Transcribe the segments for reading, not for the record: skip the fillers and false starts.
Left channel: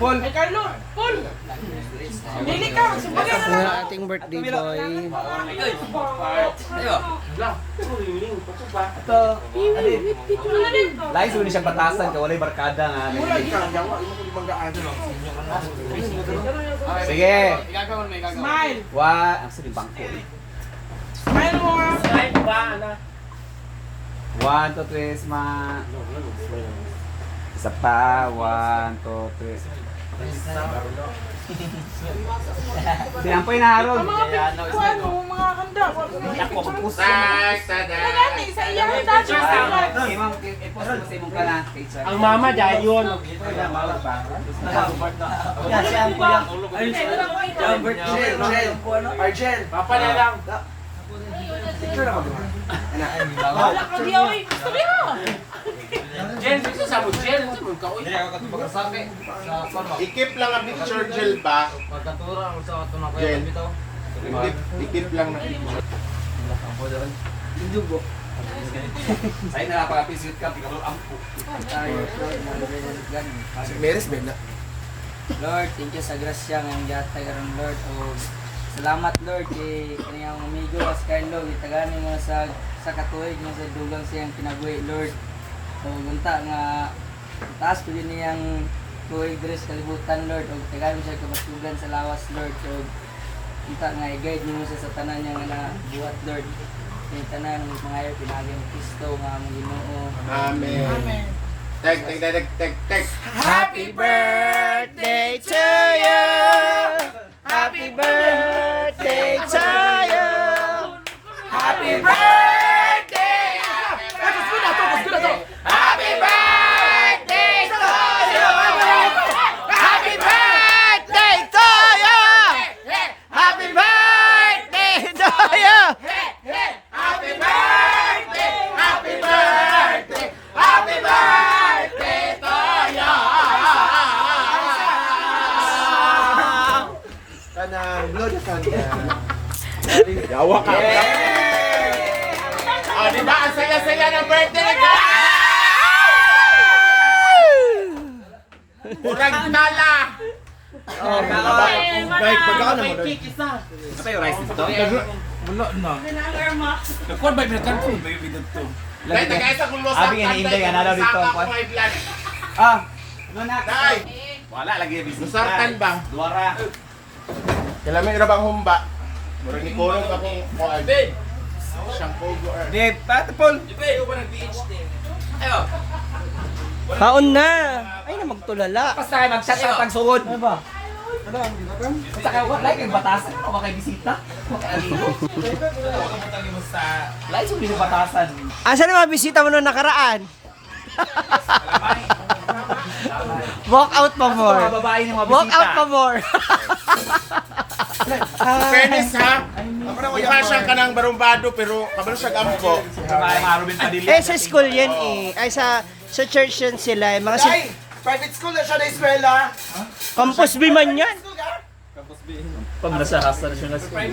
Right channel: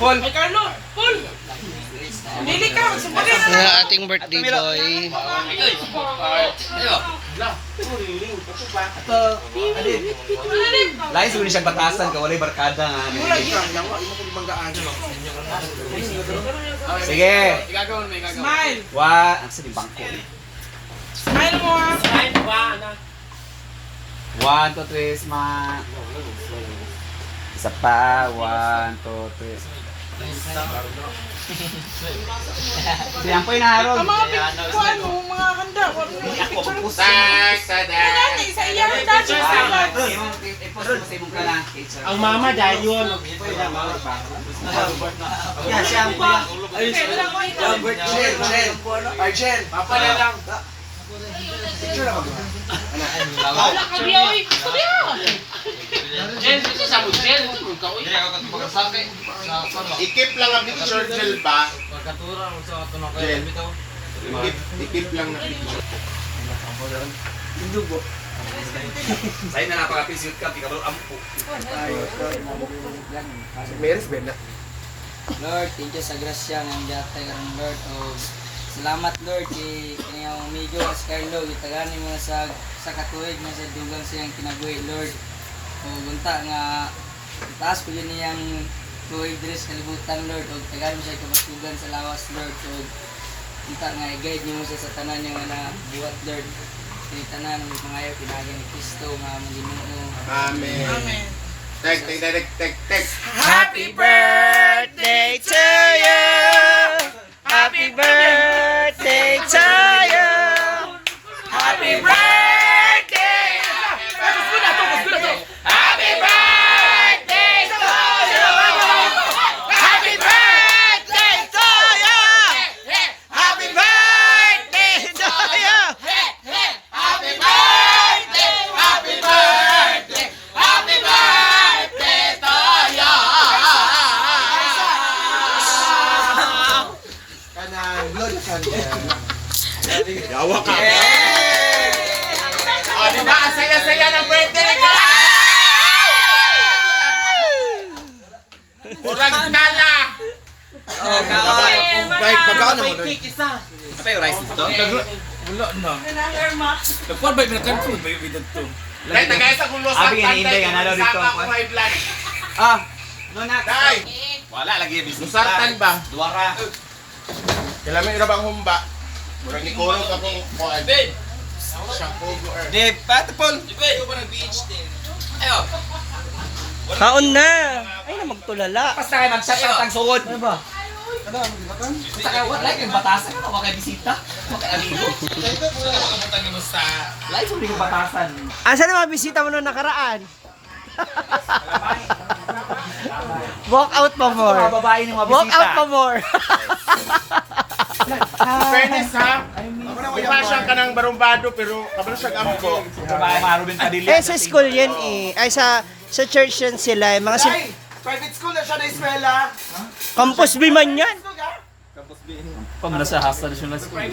Paul. Ay, Carlo, Paul! Dili ka, sumbali. Ang ating birthday boy. Ito. Lain siguro siyang batasan ka walay barkada nga. Sige. Smile. Ang sa bangko. Smile mo ha. 1, 2, 3, smile. Isa pa. 1, 2, 3. Siyan po yung naharog. Ang mga pinagkuhan mo, mga handa. Ako, magpusa. Kailan, isa yan. Dati sa Ang mama dahil yun. Yan, siya ang kuya. Arjen, Papa na lang. Wala ka diya, uy. Sabi ha. Jen, ito sa mo, Jen. Ito mo ka, uy. ikip lang ang picture Jill ba? Jen, ikip lang na picture. Sa'yo na napaka-pisit ka, pikabal ampo. Meres ba na? Lord, thank you sa grasya nga gatay karon Lord o salamat Lord kay kanyang amigo as Carlo gitagani mo sa katuig nga sa dugang siyang kinabuhi Lord. O gunta nga taas ko din niyang tuig diri sa kalibutan Lord o tagani siya kabatugan sa lawas Lord o gunta nga i-guide niyo sa tanan niya nga nabuhat Lord. Kay tanan ng mga ayo pinagyan ni Kristo nga among Ginoo. Amen. Amen. Tek. Happy birthday to you. Happy birthday to you. Happy birthday. Happy birthday to you. Happy birthday to you. Happy birthday to you. Happy birthday. Happy birthday. Happy birthday to you. Yawa ka. Ah, di ba? Ang saya-saya ng birthday ko. Kurang kala. Bike, pagkaan naman doon. Apa yung rice dito? Dahil tagay sa kulos Abi nga ni Inday, ano daw dito ang kwan? Ah, muna. Day, Wala lagi yung business. Nusartan ba? Duwara. Kailangan ina bang humba? Murag ni Kulog akong kuan. Shampoo mo er. Dave, Paul. Kaon na. Ay na magtulala. Basta kayo mag-shut out ang sugod. Ano ba? Basta kayo, like yung batasan ka, wala kayo bisita. Maka-amigo. Like yung yung batasan. Asa na mga bisita mo nung nakaraan? Walk out pa more. Mga babae ng mga bisita. Walk out pa more. Fairness ha. Mukha siyang kanang barumbado pero kabalo siya ampo. Mga Ruben Padilla. Eh sa school yan eh. Ay sa church yan sila. Mga Private school na siya na eskwela. campus B man yan. Pag nasa hostel siya na school.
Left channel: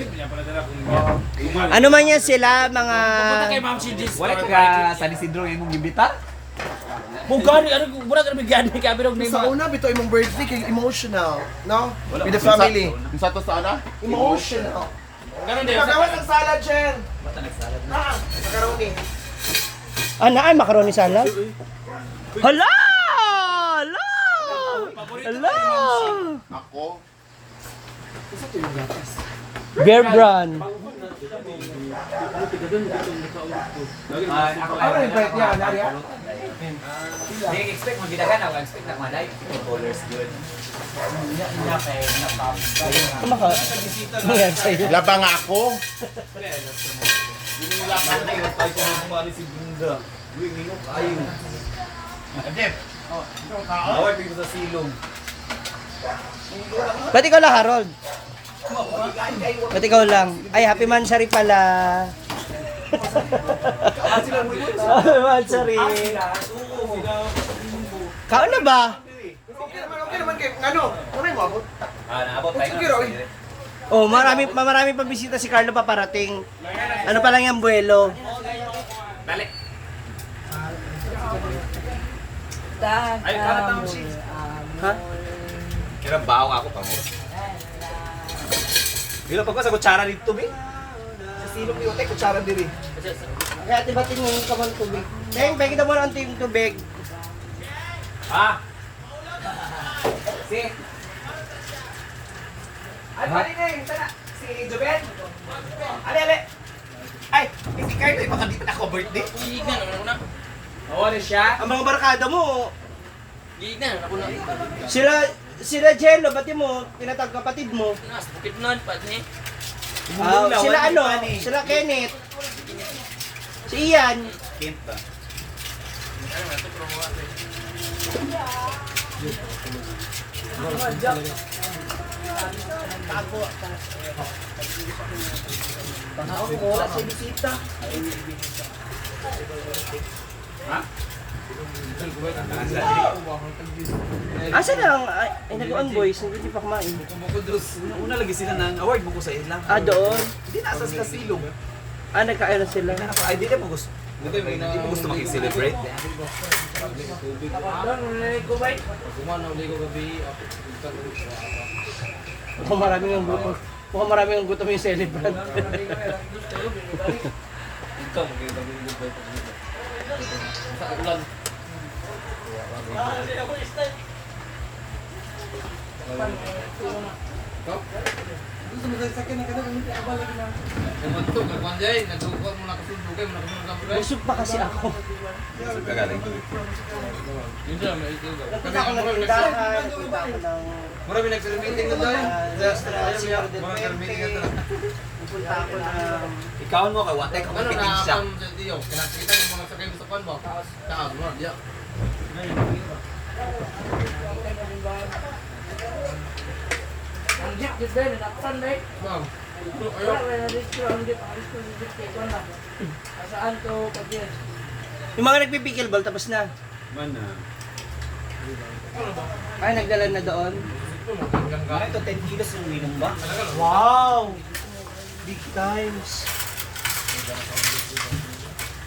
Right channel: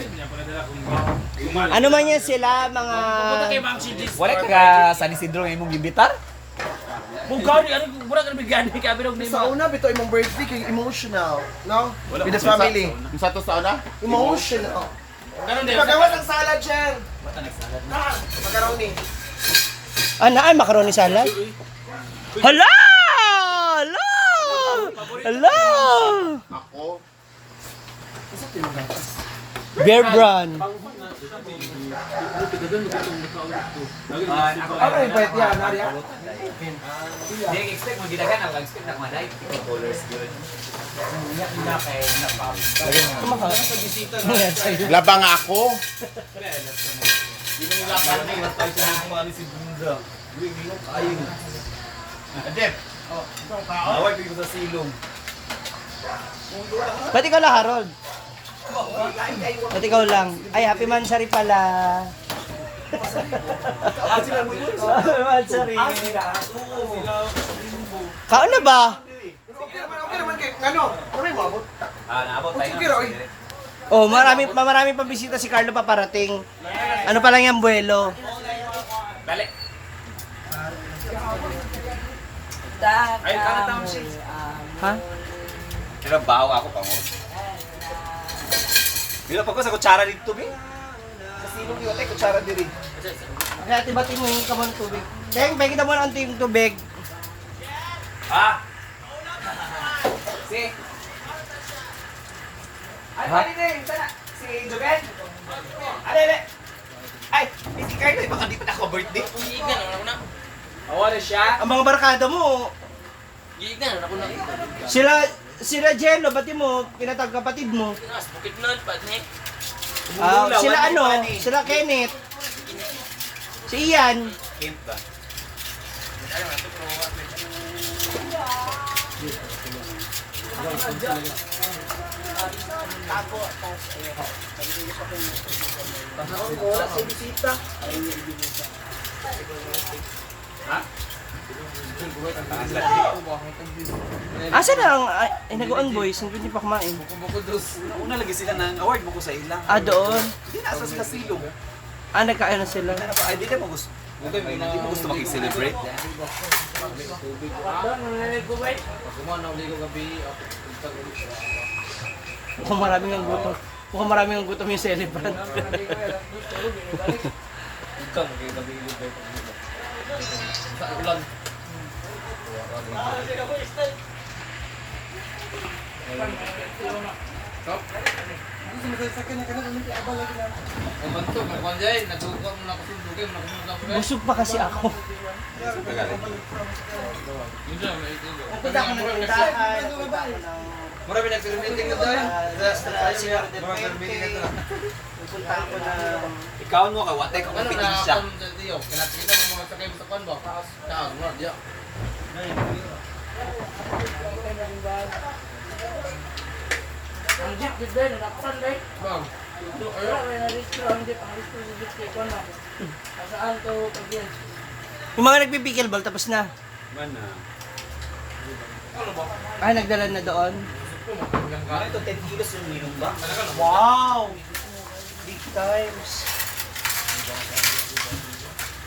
Ano man yan sila mga... Wala ka San Isidro yung mong gibitar? Sa una, bito imong birthday kay emotional, no? With the family. Sa to sa ana? Emotional. Pagawa ng salad, Jen. Macaroni. Ay, macaroni salad? Hala! Hala! Hala! Ako. Bear brand. Ako rin pa yan, Nadia. Hindi expect mo gidagan ako expect na kumaday. Colors good. Labang ako. Away pigil sa silong. Ba't ikaw lang, Harold? Ba't ikaw lang? Ay, happy mansari pala. Happy mansari. Kaon na ba? Okay naman kayo. Ano? Ano yung mabot? Naabot tayo. Sige, Roy. Oh, marami pa bisita si Carlo paparating. Ano pa lang yung buwelo? Dali. Dan. Ay, kanat ang shit. Ha? Pero baho ako pa mo. Bila pa ko sa kutsara dito, be. Sa silong ko yung kutsara diri. Kaya tibatin mo yung kamang tubig. Teng, pwede kita mo ng ting tubig. Ah! Si. Ay, pali na yun. Sana. Si Joben. Ale. Ay, si Carlo, baka di pa naka-birthday. Giignan naman ako na. Wala siya. Ang mga barkada mo, Giignan naman ako na. sila Jello, pati mo, pinatag kapatid mo. Nas, bukid na pa ni. Sila ano, sila Kenneth. Si Ian. Kent ba? Wala si bisita. Ha? Asa na ang, ay nag-on boys, hindi pa kumain. Una lagi sila ng award mo ko sa ila. Ah, doon. Hindi na sa silong. Ah, nagkain na sila. Ay, di mo gusto. Hindi mo gusto makikelebrate. Mukhang maraming ang gutom. Mukhang maraming ang gutom yung celebrant. Ikaw makikelebrate. Sa ulan. Ay, bantu, kagwanjay. Nagdugo mo na kasunod. Mo na kasunod ka mo. Busog pa kasi ako. Kagaling. Yun dyan, may ito. Punta ako ng tindahan, punta ako ng... Marami nag-meeting na tayo. Marami nag-meeting na tayo. Punta ako ng... Ikaw mo ka wate kung Ano na kompetensya. akong diyo? Kinakita mo mga sakay mo sa kwan ba? Saan mo na diyo. Ang jeep bit ba? Nanakpan ba? Bang. Wala ba na restro ang jeep? Ang restro ng jeep kay Kwan na. Saan to pagyan? Yung mga nagpipickleball, tapos na. Mana? Ay, nagdala na doon. Para ito 10 kilos yung minum ba? Wow! Big times.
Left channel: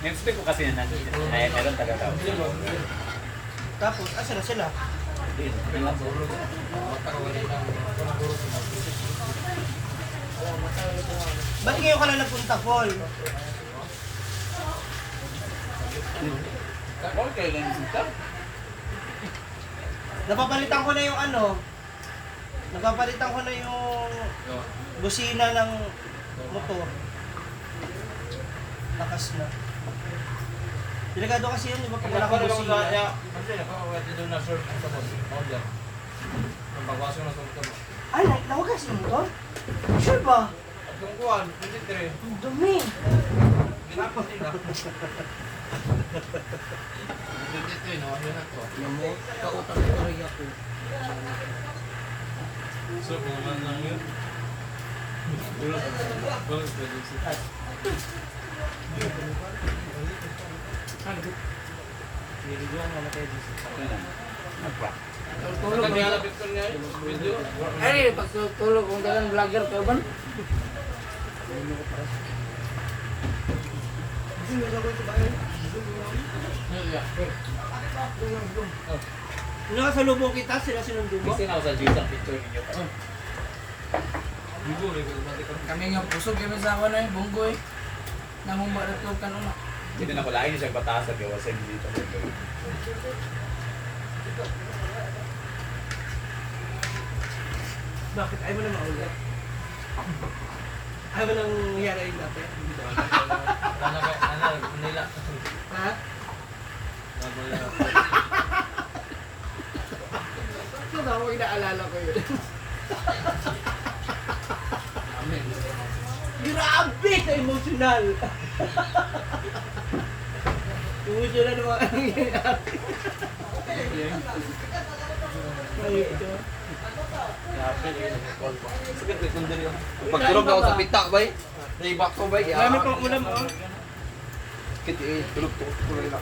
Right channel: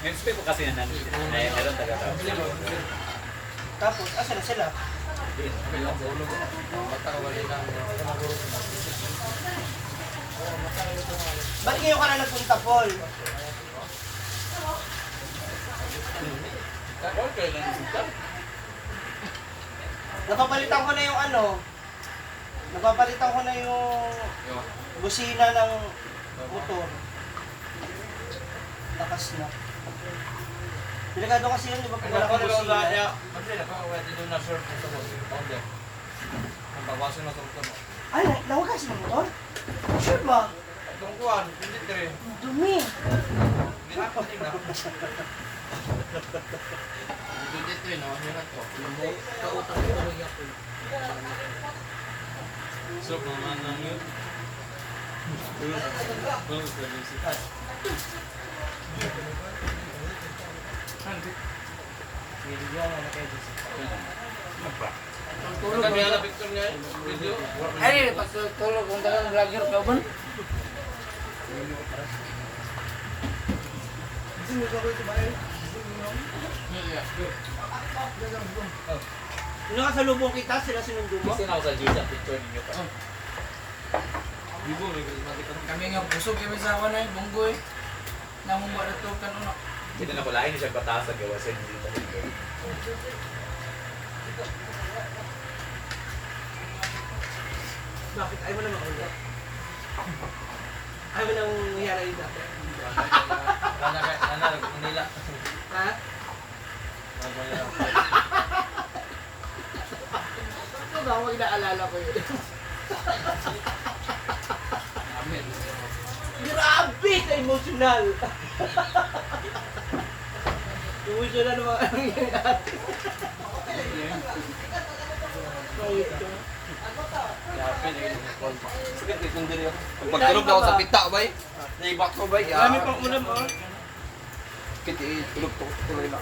Expect ko kasi na meron taga-tao. Tapos, asa na sila? Ba't ngayon ka na nagpunta, Paul? Napapalitan ko na yung ano. Napapalitan ko na yung busina ng motor. Lakas na. Delikado kasi yan, di ba? Pag wala kang busina. Ay, nawagas ng motor? Sure ba? Ang dumi. Dito yun, nawahihan ko. Kautang ko rin ako. So, naman lang yun. Tulog Kami ba? halapit ko niya video. Ay, pagtulog kung dagang vlogger ka ba? Nung nakasalubong kita, sila sinundo mo? Kasi na ako sa juice ang picture ninyo pa. Kami nga pusog kami sa awan ay bunggoy. Namumba na to kanuna. Dito na ko lain siya batas sa gawasin dito. Bakit? Ayaw mo na maulit. Ayaw mo nang hiyarain natin. Manila. Ha? Ito ba? Huwag naalala ko yun. Grabe na emotional! Emotional naman ang nangyayari. Ayun ito. Pagtulog ako sa pita, bay. Naibak ko, bay. Marami pang ulam, oh. Kiti, tulog to. Tuloy na.